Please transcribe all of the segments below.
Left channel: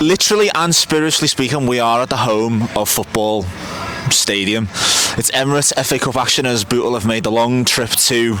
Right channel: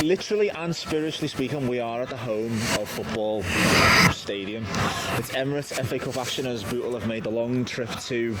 Literally and spiritually speaking, we are at the home of football stadium. It's Emirates FA Cup action as Bootle have made the long trip to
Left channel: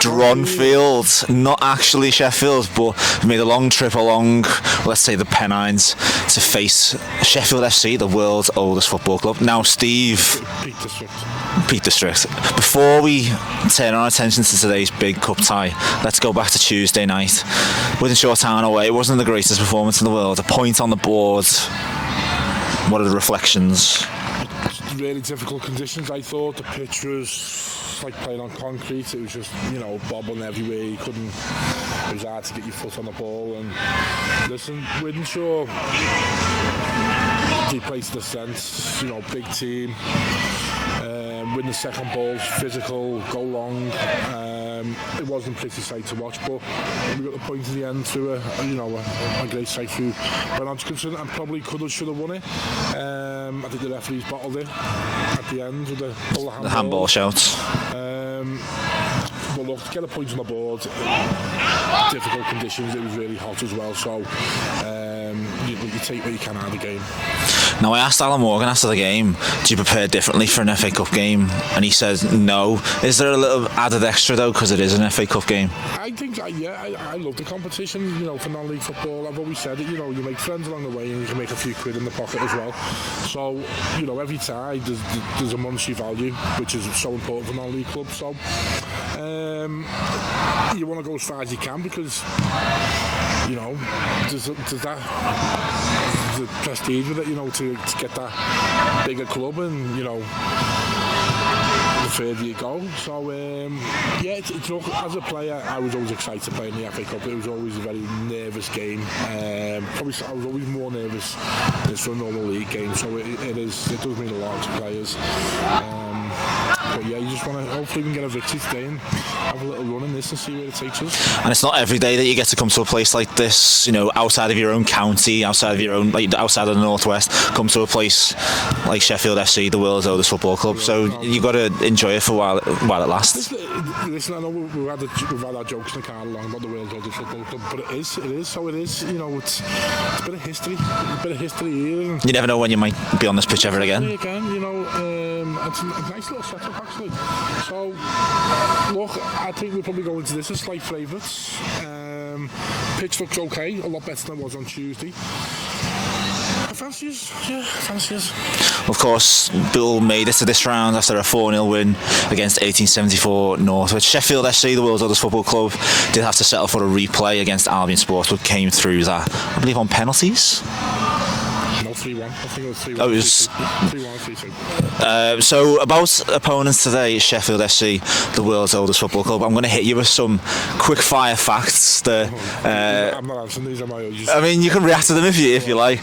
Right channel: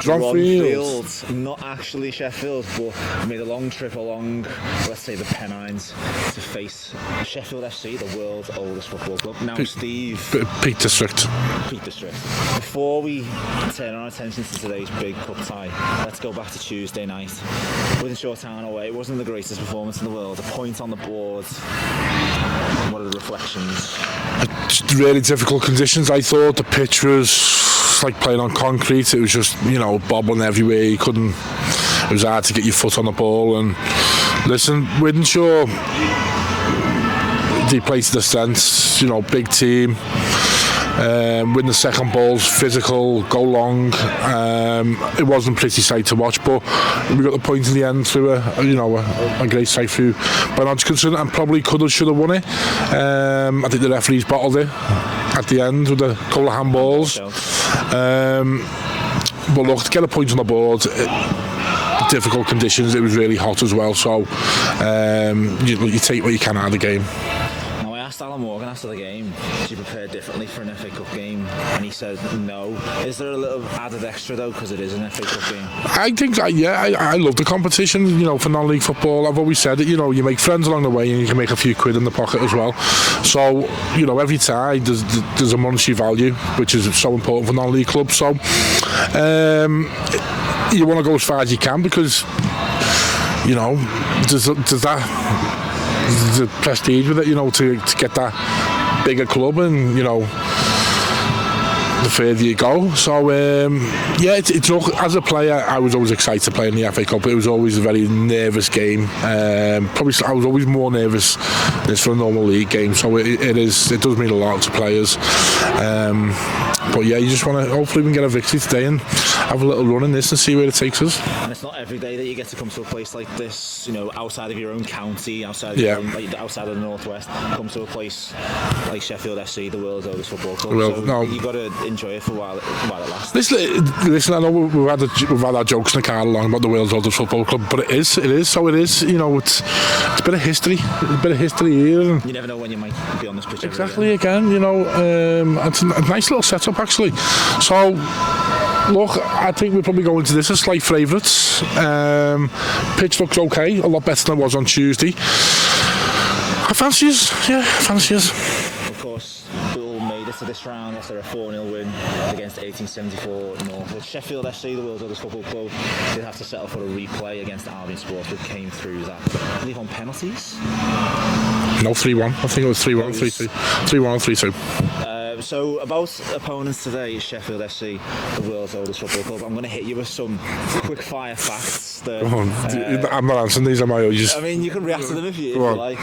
Dronfield, not actually Sheffield, but made a long trip along, let's say, the Pennines to face Sheffield FC, the world's oldest football club. Now, Steve... Peak District. Before we turn our attention to today's big cup tie, let's go back to Tuesday night. Wythenshawe Town away, it wasn't the greatest performance in the world. A point on the board. What are the reflections? Really difficult conditions. I thought the pitch was like playing on concrete. It was just, bobbling everywhere. You couldn't. It was hard to get your foot on the ball. And listen, Wythenshawe, they played to the strengths. Big team. Win the second balls, physical, go long. It wasn't a pretty sight to watch, but we got the point in the end through a great sight through Bernard's concern, and probably should have won it. I think the referees bottled it at the end with a couple of handballs. But look, to get a point on the board, difficult conditions, it was really hot as well, so you take what you can out of the game. Now, I asked Alan Morgan after the game, do you prepare differently for an FA Cup game? And he says no. Is there a little added extra though, because it is an FA Cup game? I think, I love the competition, for non-league football. I've always said it, you make friends along the way and you can make a few quid in the pocket as well. So, every tie there's a monetary value, which is so important for non-league clubs. So, you want to go as far as you can because, there's a prestige with it, to get that bigger club, and the further you go. So it's as a player, I was always excited to play in the FA Cup. It was always a very nervous game. Probably I was always more nervous than for a normal league game. So it does mean a lot to players. But yeah, you just want to hopefully we can get a victory today and have a little run in this and see where it takes us. And it's not every day that you get to come to a place like this, outside of your own county, outside of your own, outside of the Northwest, come to a place like Sheffield FC, the world's oldest football club. You've got to enjoy it for while it lasts. Listen, I know we've had our jokes in the car along about the world's oldest football club, but it is. So it is. It's a bit of history. Here. You never know when you might be on this pitch ever again. It's a nice little setup actually. So look, I think we'll probably go into this as slight favourites. Pitch looks okay, a lot better than it was on Tuesday. I fancy us. Of course, Bill made it to this round after a 4-0 win against 1874 North, which Sheffield FC, the world's oldest football club, did have to settle for a replay against Albion Sports, but came through that, I believe, on penalties. No, 3-1. I think it was 3-1, 3-1, 3-2. So about opponents today, Sheffield FC, the world's oldest football club. I'm going to hit you with some quick fire facts that I'm not answering these, am I? I mean, you can react to them if you like.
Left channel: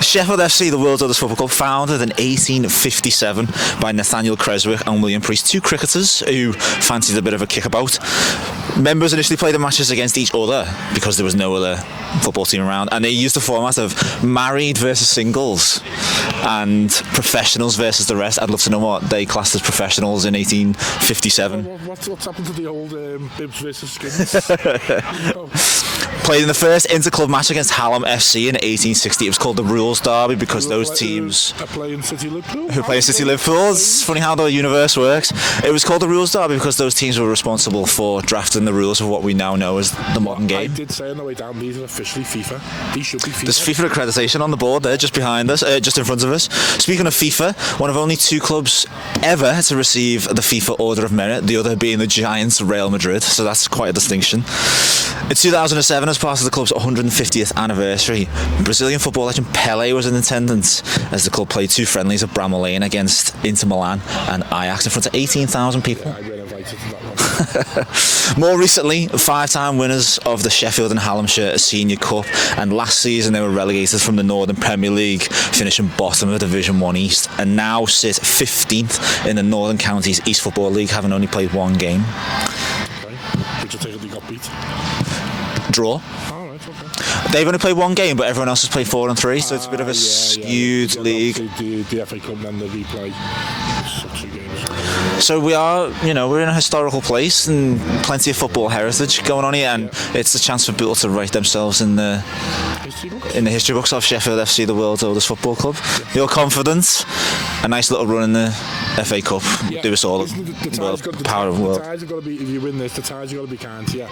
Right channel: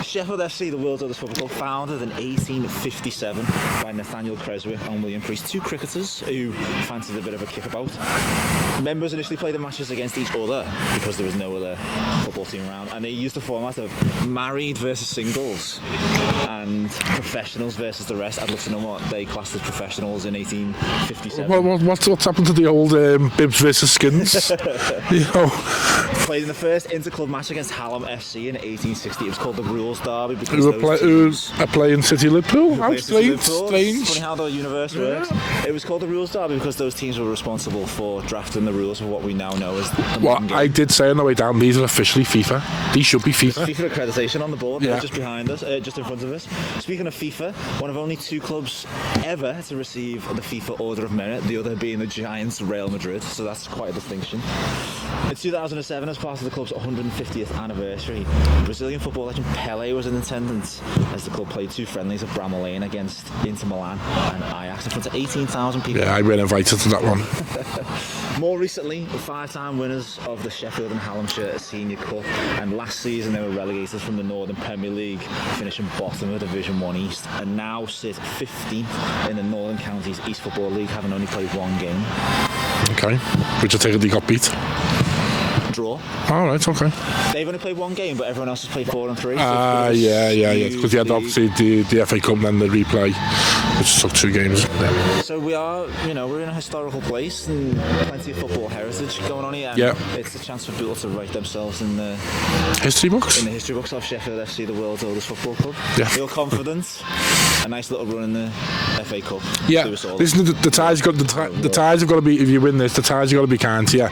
Sheffield FC, the world's oldest football club, founded in 1857 by Nathaniel Creswick and William Priest, two cricketers who fancied a bit of a kickabout. Members initially played the matches against each other because there was no other football team around, and they used the format of married versus singles and professionals versus the rest. I'd love to know what they classed as professionals in 1857. What's happened to the old bibs versus skins? Played in the first inter-club match against Hallam FC in 1860. It was called the Rules Derby because those teams are playing City Liverpool. It's funny how the universe works. It was called the Rules Derby because those teams were responsible for drafting the rules of what we now know as the modern game. I did say on the way down, these are officially FIFA. These should be FIFA. There's FIFA accreditation on the board there, just behind us, just in front of us. Speaking of FIFA, one of only two clubs ever to receive the FIFA Order of Merit, the other being the Giants Real Madrid, so that's quite a distinction. In 2007, as part of the club's 150th anniversary, Brazilian football legend Pelé was in attendance as the club played two friendlies at Bramall Lane against Inter Milan and Ajax in front of 18,000 people. Yeah, I were invited to that one. More recently, 5-time winners of the Sheffield and Hallamshire Senior Cup, and last season they were relegated from the Northern Premier League, finishing bottom of Division 1 East, and now sit 15th in the Northern Counties East Football League, having only played one game. Okay, which I take it they got beat. Draw. All right, okay. They've only played one game, but everyone else has played 4 and 3. So it's a bit of a because you had obviously the FA Cup and then the replay, which took 2 games. So we are, we're in a historical place and plenty of football heritage going on here, and it's a chance for people to write themselves in the history books. In the history books of Sheffield FC, the world's oldest football club. Yeah. Feel confident. A nice little run in the FA Cup. Yeah. Do us all. Listen, the ties have got to be. If you win this, the ties have got to be kind to you.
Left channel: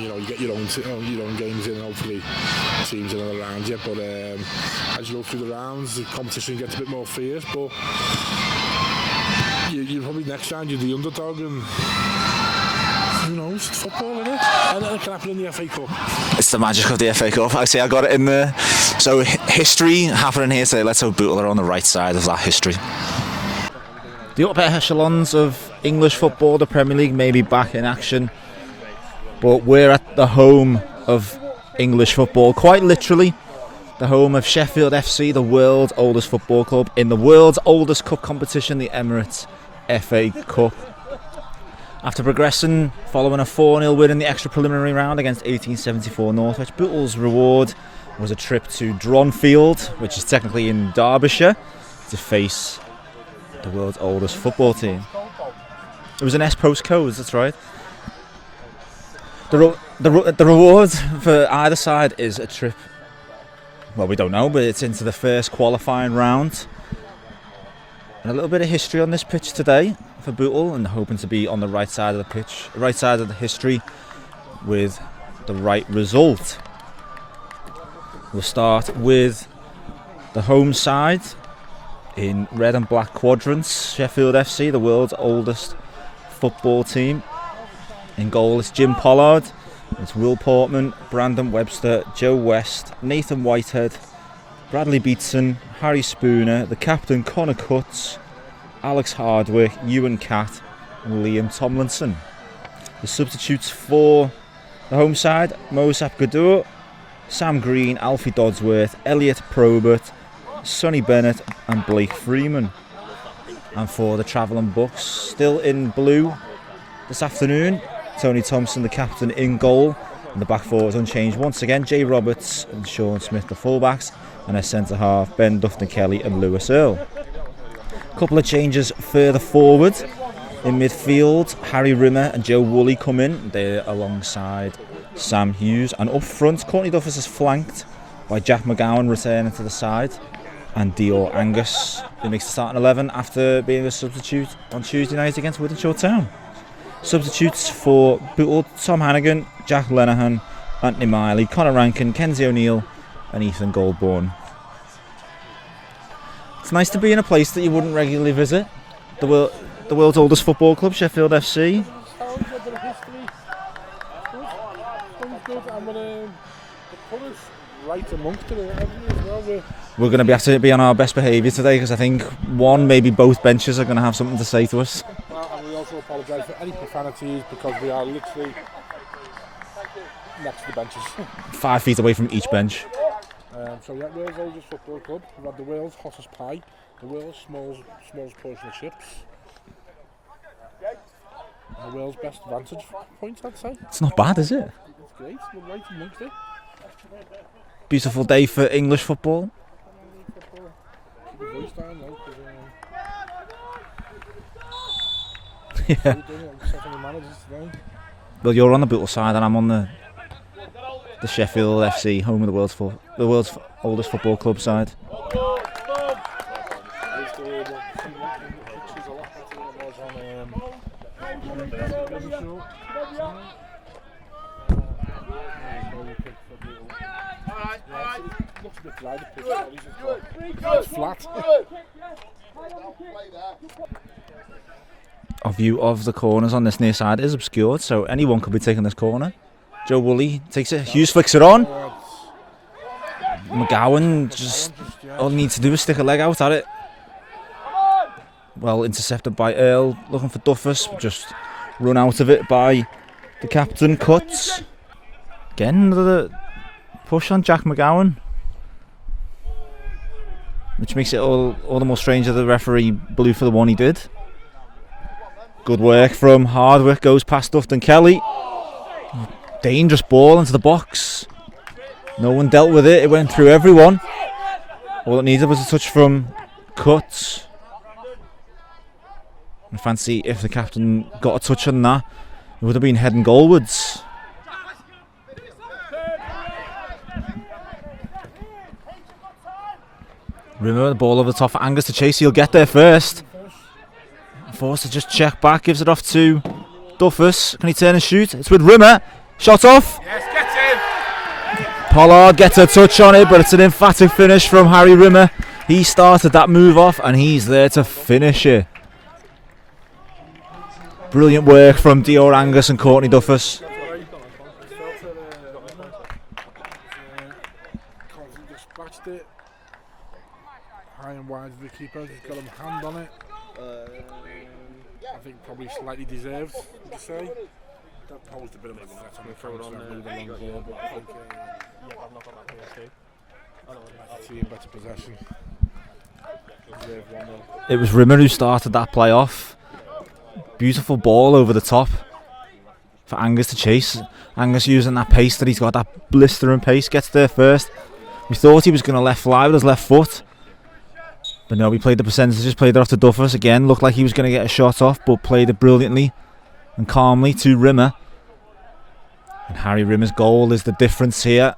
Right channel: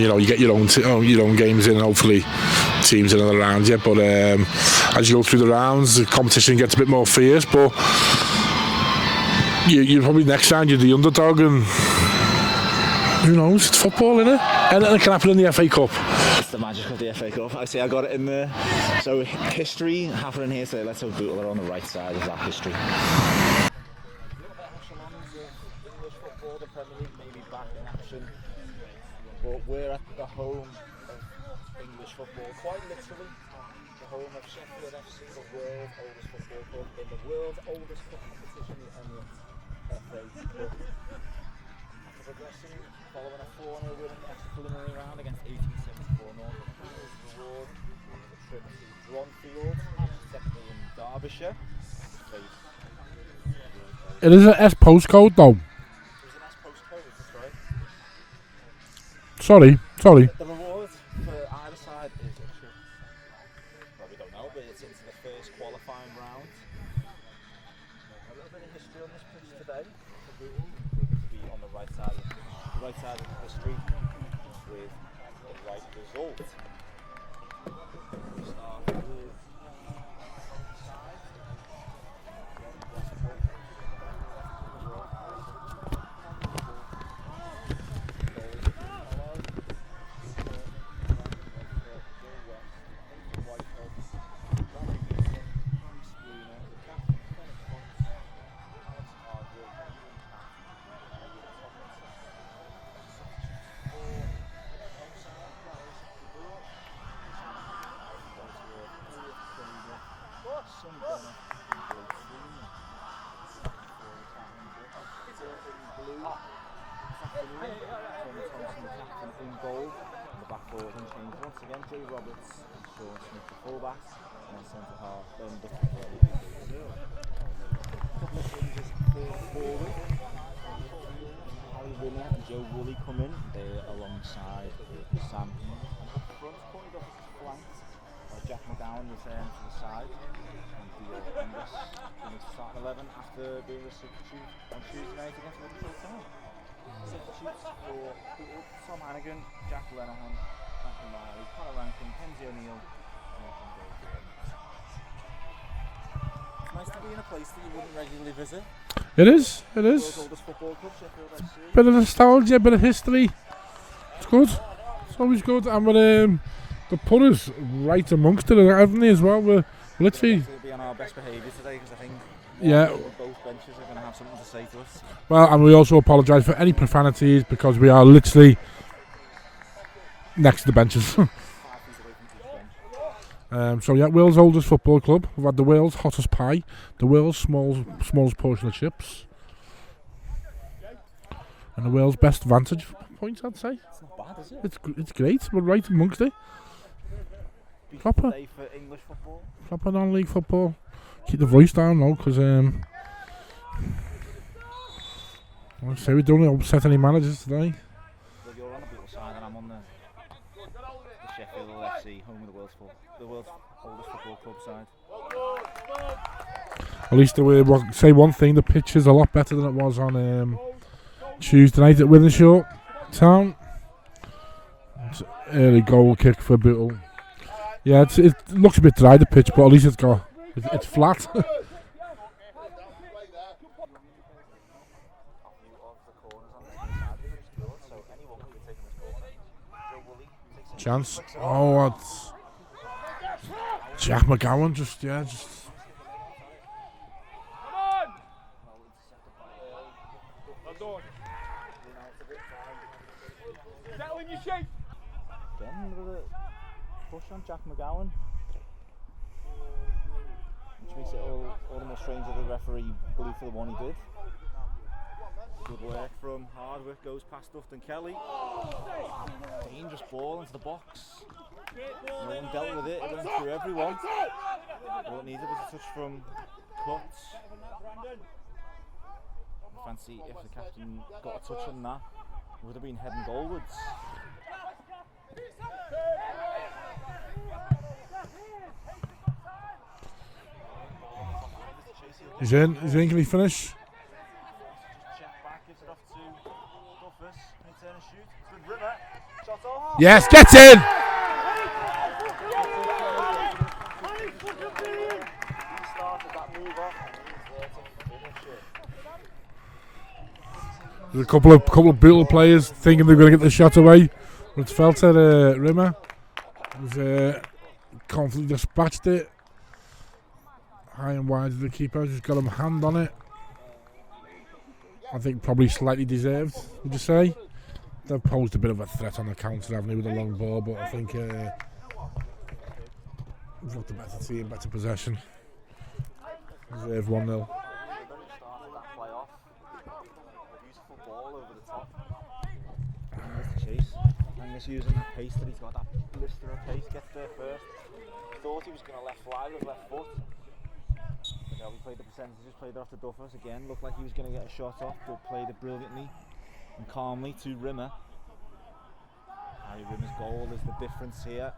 You know, you get your own games in, and hopefully teams in and around you. But as you go through the rounds, the competition gets a bit more fierce. But you probably next round you're the underdog, and who knows? It's football, isn't it? Anything can happen in the FA Cup. It's the magic of the FA Cup. I say I got it in there. So history happening here today. Let's hope Bootle are on the right side of that history. The upper echelons of English football, the Premier League, may be back in action, but we're at the home of English football, quite literally. The home of Sheffield FC, the world's oldest football club, in the world's oldest cup competition, the Emirates FA Cup. After progressing following a 4-0 win in the extra preliminary round against 1874 Northwich, Bootle's reward was a trip to Dronfield, which is technically in Derbyshire, to face the world's oldest football team. It is an S postcode though. It was an S postcode, that's right. Sorry. The reward for either side is a trip, well, we don't know, but it's into the first qualifying round. And a little bit of history on this pitch today for Bootle, and hoping to be on the right side of the pitch, right side of the history, with the right result. We'll start with the home side in red and black quadrants. Sheffield FC, the world's oldest football team. In goal is Jim Pollard. It's Will Portman, Brandon Webster, Joe West, Nathan Whitehead, Bradley Beatson, Harry Spooner, the captain Connor Cutts, Alex Hardwick, Ewan Catt and Liam Tomlinson. The substitutes for the home side: Mosap Gadur, Sam Green, Alfie Dodsworth, Elliot Probert, Sonny Bennett and Blake Freeman. And for the travelling Bucks, still in blue this afternoon, Tony Thompson, the captain, in goal. And the back four is unchanged once again: Jay Roberts and Sean Smith, the fullbacks, and a centre half, Ben Dufton-Kelly and Lewis Earle. A couple of changes further forward. In midfield, Harry Rimmer and Joe Woolley come in. They're alongside Sam Hughes. And up front, Courtney Duffus is flanked by Jack McGowan returning to the side, and Dior Angus, who makes the starting 11 after being a substitute on Tuesday night against Wythenshawe Town. Substitutes for Bootle: Tom Hannigan, Jack Lenihan, Anthony Miley, Conor Rankin, Kenzie O'Neill and Ethan Goldborn. It's nice to be in a place that you wouldn't regularly visit. It is. The world's oldest football club, Sheffield FC. Bit of nostalgia, bit of history. It's good. It's always good. And the putters right amongst it, haven't they, as well? We're going to have to be on our best behaviour today, because I think maybe both benches are going to have something to say to us. Well, and we also apologise for any profanities, because we are literally next to the benches. 5 feet away from each bench. World's oldest football club. We've had the world's hottest pie, the world's smallest portion of chips, and the world's best vantage point, I'd say. It's not bad, is it? It's great. We're right amongst it. Beautiful day for English football. Proper non-league football. Keep the voice down though, because so we don't upset any managers today. Well, you're on the Bootle side and I'm on the Sheffield FC, home of the world's oldest football club side. At least say one thing: the pitch is a lot better than it was on Tuesday night at Wythenshawe Town. Early goal kick for Bootle. Yeah, it looks a bit dry, the pitch, but at least it's flat. Our view of the corners on this near side is obscured, so anyone could be taking this corner. Joe Woolley takes it. Hughes flicks it on. McGowan all he needs to do is stick a leg out at it. Well intercepted by Earl, looking for Duffus, just run out of it by the captain, Cutts. Again, another push on Jack McGowan, which makes it all the more strange that the referee blew for the one he did. Good work from Hardwick, goes past Dufton-Kelly. Dangerous ball into the box. No one dealt with it, it went through everyone. All it needed was a touch from Cutts. I fancy if the captain got a touch on that, it would have been heading goalwards. Rimmer, the ball over the top for Angus to chase. He'll get there first. Finish. Forced to just check back, gives it off to Duffus. Can he turn and shoot? It's with Rimmer. Shot off. Yes, get in. Pollard gets a touch on it, but it's an emphatic finish from Harry Rimmer. He started that move off, and he's there to finish it. Brilliant work from Dior Angus and Courtney Duffus. The shot away. It felt at Rimmer. He's confidently dispatched it. High and wide to the keeper. He's got a hand on it. I think probably slightly deserved, would you say? They've posed a bit of a threat on the counter, haven't they, with the long ball, but I think he's got the better team, better possession. 1-0. It was Rimmer who started that play off. Beautiful ball over the top for Angus to chase. Angus using that pace that he's got, that blistering pace, gets there first. We thought he was going to let fly with his left foot, but no, he played the percentages, played it off to Duffus again. Looked like he was going to get a shot off, but played it brilliantly and calmly to Rimmer. And Harry Rimmer's goal is the difference here.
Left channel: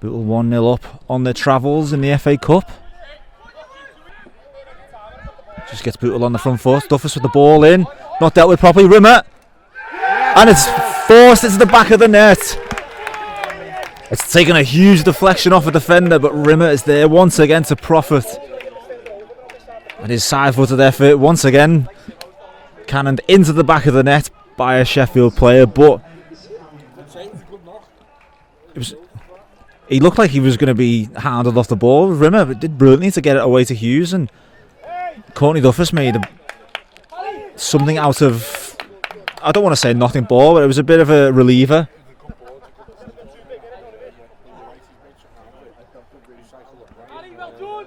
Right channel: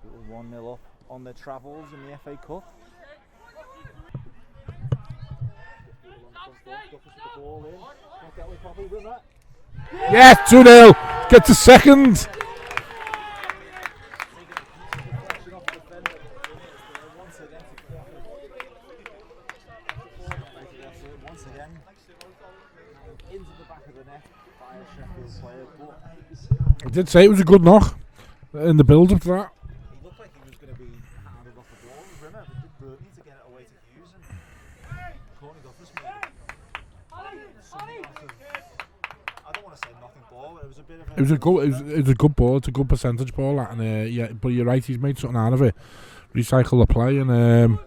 Bootle 1-0 up on their travels in the FA Cup. Just gets Bootle on the front foot. Duffus with the ball in. Not dealt with properly. Rimmer. Yes, and it's forced into the back of the net. It's taken a huge deflection off a defender, but Rimmer is there once again to profit. And his side-footed effort once again cannoned into the back of the net by a Sheffield player, but I did say it was a good knock in the build-up to that. He looked like he was going to be handled off the ball. Rimmer did brilliantly to get it away to Hughes, and Courtney Duffus made something out of, I don't want to say nothing ball, but it was a bit of a reliever. It's a good ball, it's a good percentage ball, and yeah, but you're right, he's made something out of it. Recycle the play, and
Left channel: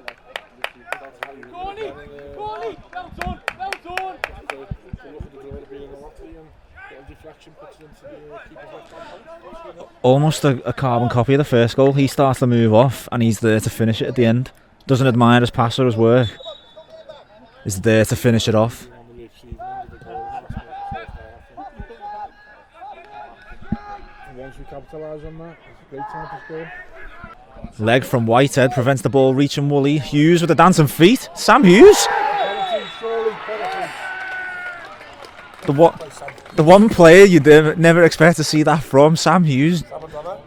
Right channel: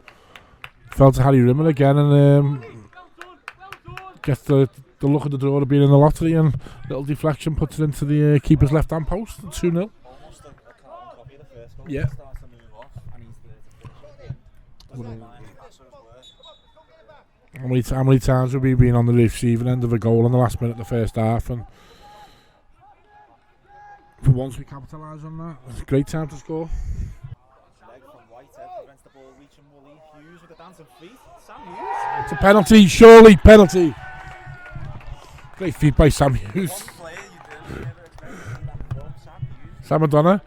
fell to Harry Rimmer again, and gets the look at the draw of being in the lottery, and little deflection puts it into the keeper's left-hand post. 2-0. Almost a carbon copy of the first goal. Yeah. He starts the move off, and he's there to finish it at the end. Doesn't admire his pass or his work. He's there to finish it off. We've been on the receiving end of a goal in the last minute of the first half, and once we capitalise on that, it's a great time to score. Leg from Whitehead prevents the ball reaching Woolley. Hughes with the dancing feet. Sam Hughes. It's a penalty, surely penalty. The one player you'd never expect to see that from, Sam Hughes. Sam Madonna.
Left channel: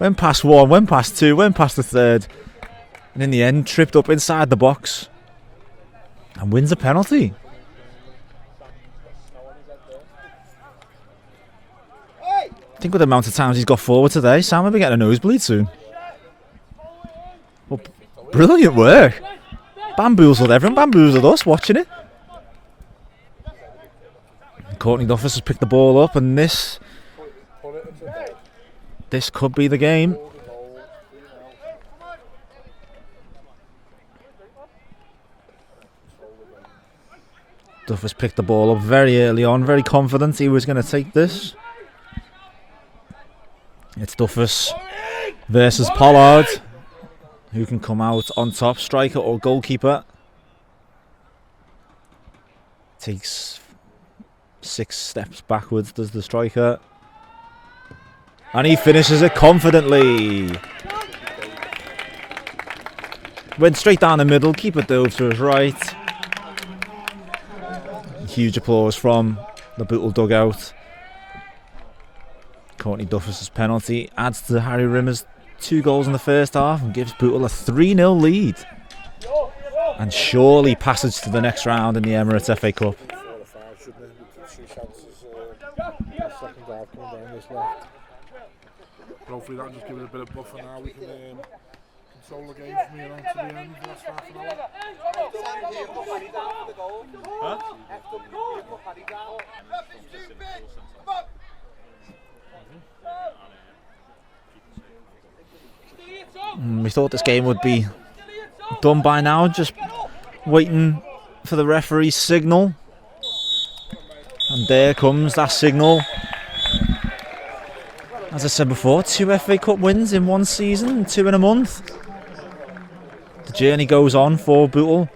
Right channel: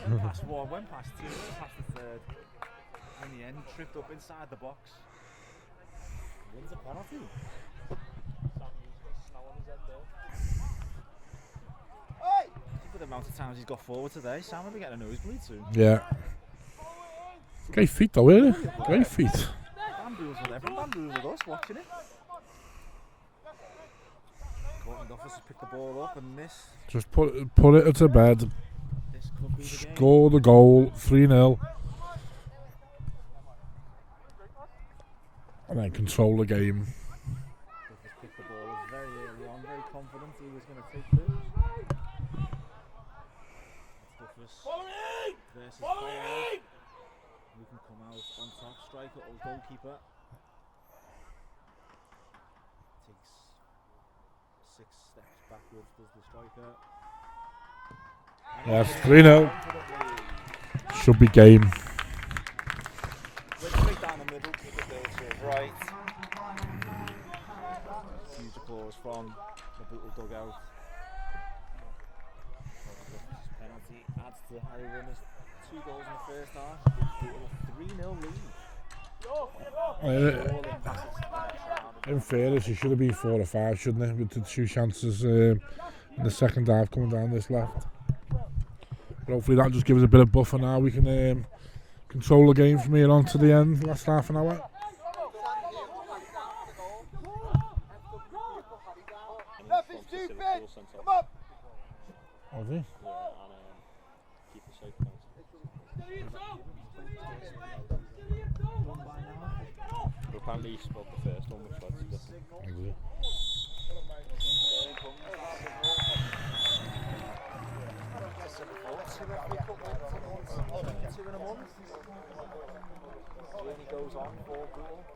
Went past one, went past two, went past the third, and in the end tripped up inside the box and wins a penalty. I think with the amount of times he's got forward today, Sam will be getting a nosebleed soon. Yeah. Great feet though, brilliant work. Bamboozled everyone, bamboozled us watching it. Courtney Duffus has picked the ball up, and this just put it to bed. This could be the game. Score the goal, 3-0, and then control the game. Duffus picked the ball up very early on, very confident he was going to take this. It's Duffus versus Pollard. Who can come out on top, striker or goalkeeper? Takes 6 steps backwards, does the striker. And he finishes it confidently. Should be game. Went straight down the middle, keeper dove to his right. Huge applause from the Bootle dugout. Courtney Duffus' penalty adds to Harry Rimmer's 2 goals in the first half and gives Bootle a 3-0 lead. And surely passage to the next round in the Emirates FA Cup. Should be 4 or 5, shouldn't it? With the 2 chances in the second half coming down this left. But hopefully that just gives us a bit of buffer now. We can control the game from here on to the end, last half an hour. We thought this game would be done by now, just waiting for the referee's signal. And there comes that signal. As I said before, 2 FA Cup wins in 1 season, 2 in a month. The journey goes on for Bootle,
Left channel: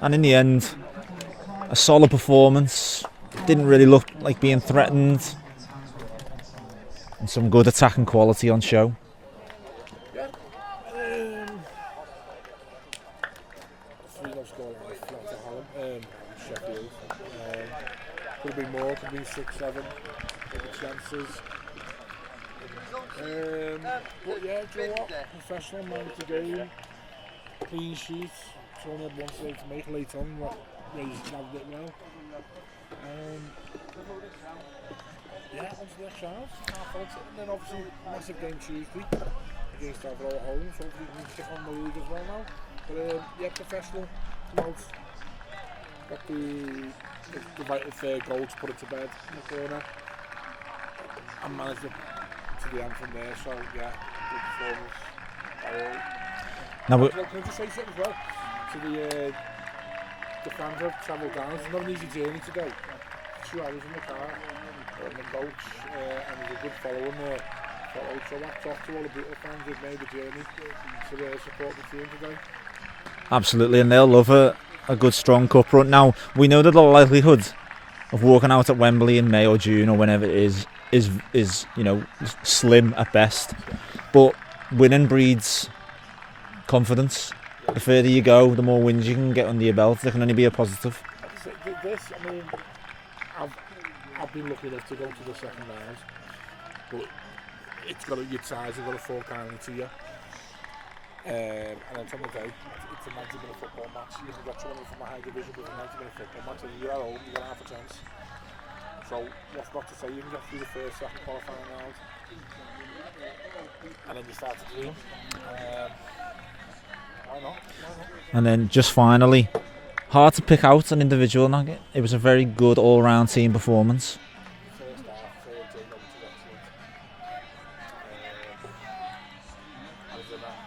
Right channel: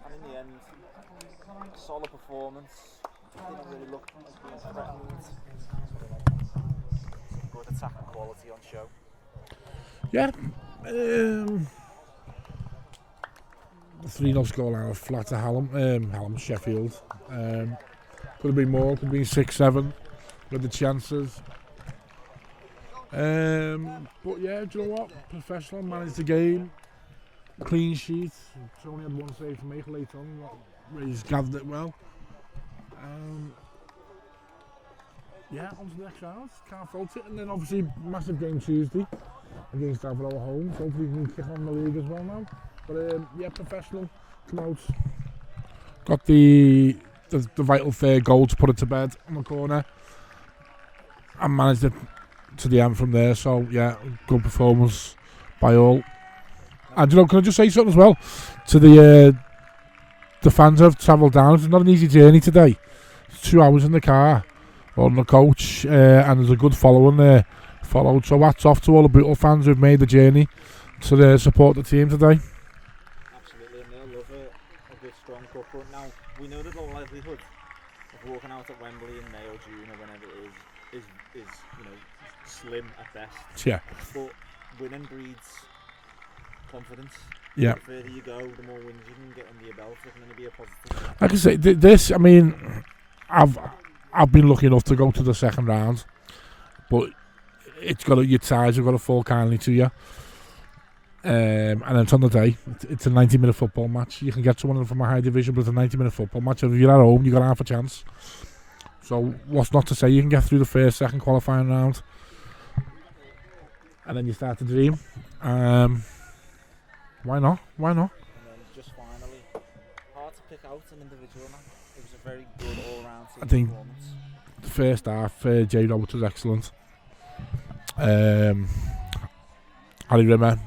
and in the end, a solid performance. Didn't really look like being threatened, and some good attacking quality on show. Yeah. 3-0 scoreline was flat to Sheffield. Could have been more, could have been 6-7 with the chances. But yeah, do you know what? Professional, managed the game, clean sheet. It's only had one save to make late on, but he's gathered it well. Yeah, on to the next round, can't fault it. And then obviously, massive game Tuesday against Avro at home, so hopefully we can kick on the league as well now. But yeah, professional, come out. Got the vital third goal to put it to bed in the corner. And managed it to the end from there, so yeah, good performance by all. Now, and you know, can I just say something as well to the fans who have travelled down? It's not an easy journey today. It's 2 hours in the car on the coach, and there's a good following there. So hats off to all the Bootle fans who've made the journey to support the team today. Absolutely, and they'll love a good strong cup run. Now, we know that the likelihood of walking out at Wembley in May or June or whenever it is you know, slim at best. Yeah. But winning breeds confidence. Yeah. The further you go, the more wins you can get under your belt. There can only be a positive. Like I say, this, I mean, I've been lucky enough to go to the second round, but your ties have got to fall kindly to you. And then it's on the day. It's a 90-minute football match. You can get someone from a high division, but it's a 90-minute football match. If you're at home, you've got half a chance. So what's not to say you can get through the first, second qualifying round, and then you start to dream. Why not? And then just finally, hard to pick out an individual nugget. It was a very good all-round team performance. The first half, Jay Roberts was excellent. Harry Rimmer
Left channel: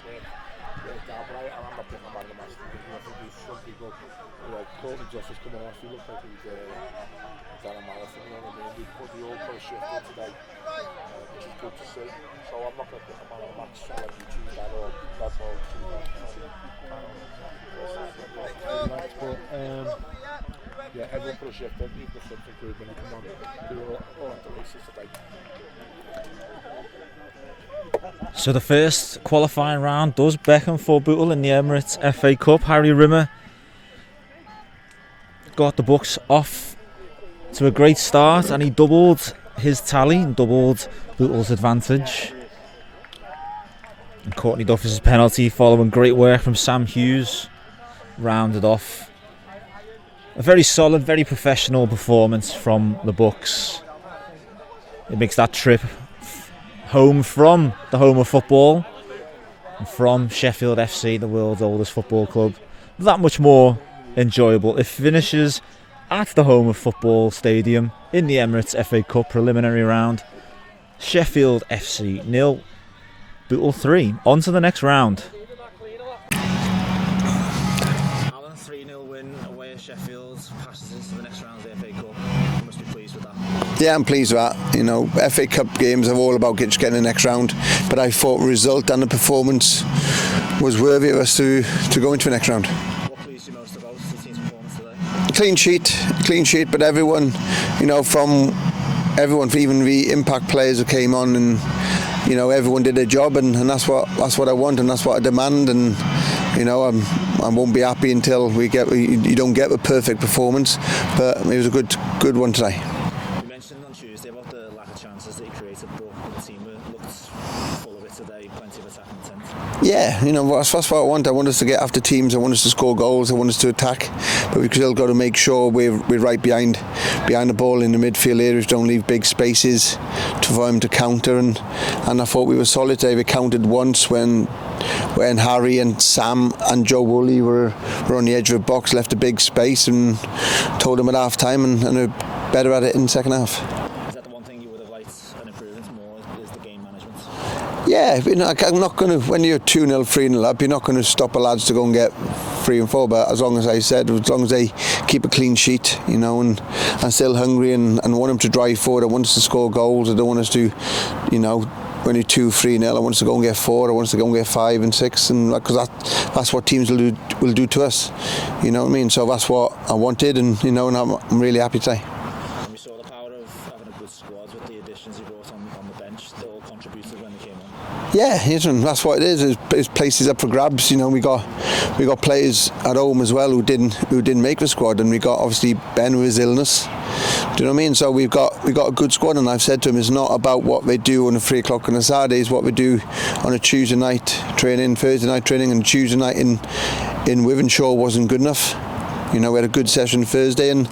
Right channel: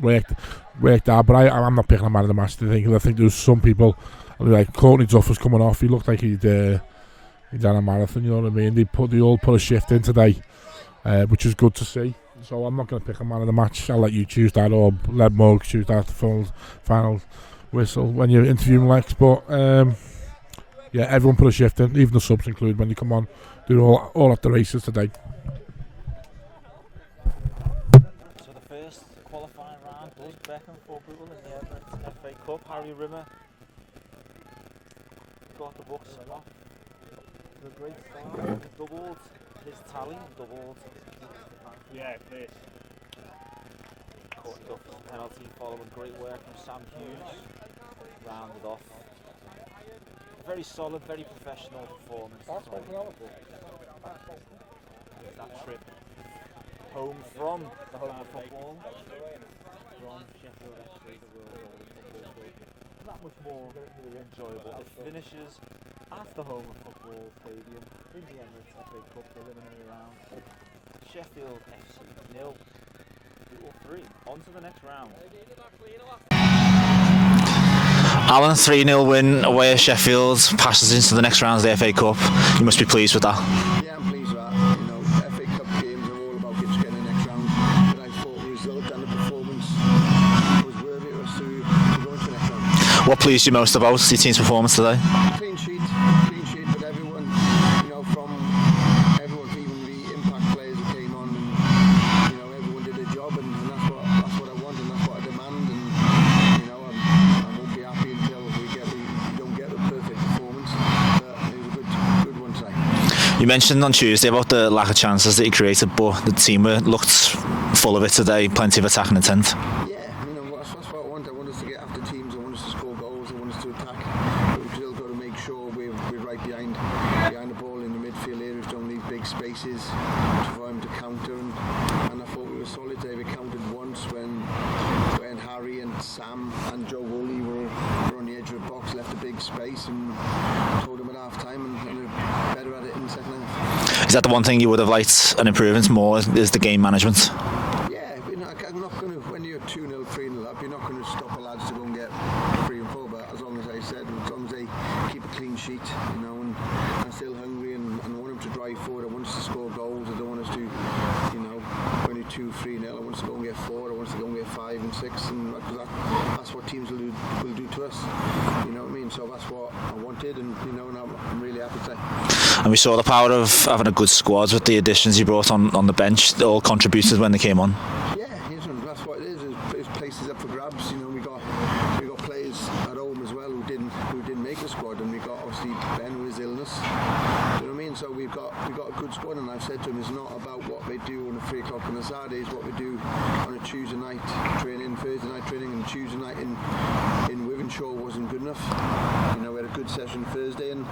worked hard, but I'm not picking a man of the match. I think there was some people like Courtney Duff was coming off. He looked like he'd done a marathon. You know what I mean? They all put a shift in today, which is good to see. So I'm not going to pick a man of the match. I'll let you choose that, or let Morg choose that final whistle when you're interviewing Lex. But yeah, everyone put a shift in, even the subs included, when you come on. Do all at the races today. So the first qualifying round does beckon for Bootle in the Emirates FA Cup. Harry Rimmer got the Bucks off to a great start, and he doubled his tally and doubled Bootle's advantage. And Courtney Duff's penalty, following great work from Sam Hughes, rounded off a very solid, very professional performance from the Bucks. It makes that trip home from the home of football, and from Sheffield FC, the world's oldest football club, that much more enjoyable. It finishes at the home of football stadium in the Emirates FA Cup preliminary round. Sheffield FC 0, Bootle 3. On to the next round. Alan, 3-0 win away at Sheffield, passes into the next round of the FA Cup. You must be pleased with that. Yeah, I'm pleased with that. You know, FA Cup games are all about just getting the next round, but I thought the result and the performance was worthy of us to go into the next round. What pleased you most about your team's performance today? Clean sheet, but everyone, you know, from everyone, even the impact players who came on, and you know, everyone did their job, and that's what I want, and that's what I demand. And you know, I won't be happy until you don't get a perfect performance, but it was a good one today. You mentioned on Tuesday about the lack of chances that you created, but the team looked full of it today, plenty of attacking intent. Yeah, you know, that's what I want. I want us to get after teams, I want us to score goals, I want us to attack, but we've still got to make sure we're right behind the ball in the midfield areas, don't leave big spaces for them to counter, and I thought we were solid today. We counted once when Harry and Sam and Joe Woolley were on the edge of the box, left a big space, and told them at half time, and they're better at it in the second half. Is that the one thing you would have liked an improvement more, is the game management? Yeah, you know, I'm not going to, when you're 2-0, 3-0 up, you're not going to stop the lads to go and get 3 and 4, but as long as they keep a clean sheet, you know, and I'm still hungry and want them to drive forward. I want us to score goals. I don't want us to, you know, when you're 2-3-0, I want us to go and get 4. I want us to go and get 5 and 6, and because that's what teams will do to us. You know what I mean? So that's what I wanted, and you know, and I'm really happy today. And we saw the power of having a good squad with the additions you brought on the bench. They all contributed when they came on. Yeah, that's what it is. It's places up for grabs. You know, we got players at home as well who didn't make the squad, and we got obviously Ben with his illness. Do you know what I mean? So we've got a good squad, and I've said to him, it's not about what they do on a 3 o'clock on a Saturday. It's what we do on a Tuesday night training, Thursday night training, and Tuesday night in Wythenshawe wasn't good enough. You know, we had a good session Thursday, and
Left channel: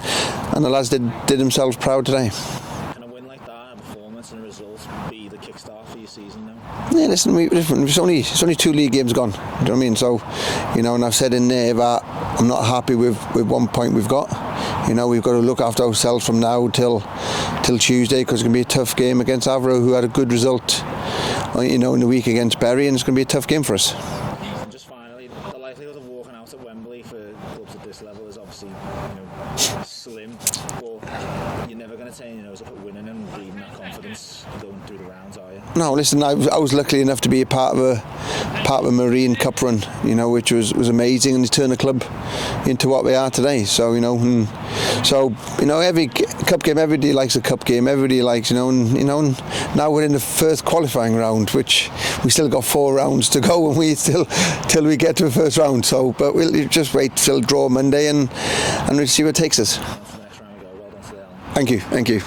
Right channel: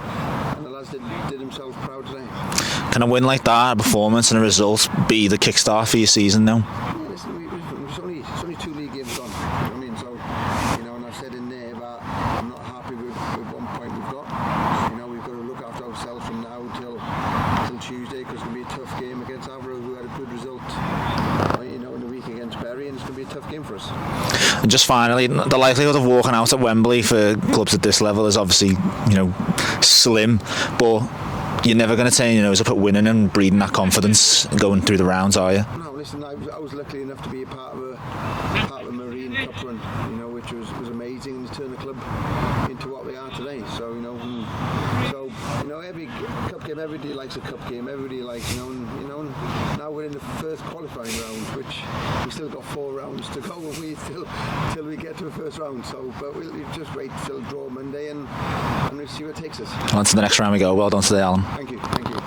the lads did themselves proud today. Can a win like that, a performance and a result, be the kickstart for your season now? Yeah, listen, it's only 2 league games gone. Do you know what I mean? So, you know, and I've said in there that I'm not happy with 1 point we've got. You know, we've got to look after ourselves from now till Tuesday, because it's going to be a tough game against Avro, who had a good result, you know, in the week against Bury, and it's going to be a tough game for us. And just finally, the likelihood of walking out at Wembley for clubs at this level is obviously, you know, slim, but you're never going to turn your nose up at winning and breeding that confidence going through the rounds, are you? No, listen, I was lucky enough to be a part of a Marine Cup run, you know, which was amazing, and it's turned the club into what we are today. So, you know, every cup game, everybody likes a cup game, everybody likes, and now we're in the first qualifying round, which we still got 4 rounds to go, and till we get to the first round. So, but we'll just wait till draw Monday, and we'll see where it takes us. On to the next round we go. Well done today, Alan. Thank you.